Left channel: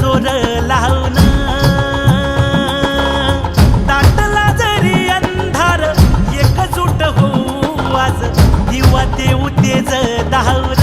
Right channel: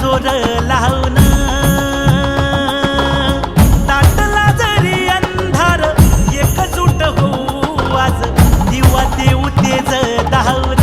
जोर लावून दाटला जरी अंधार एकजूट होऊ आज दिवा देऊ तेज धावून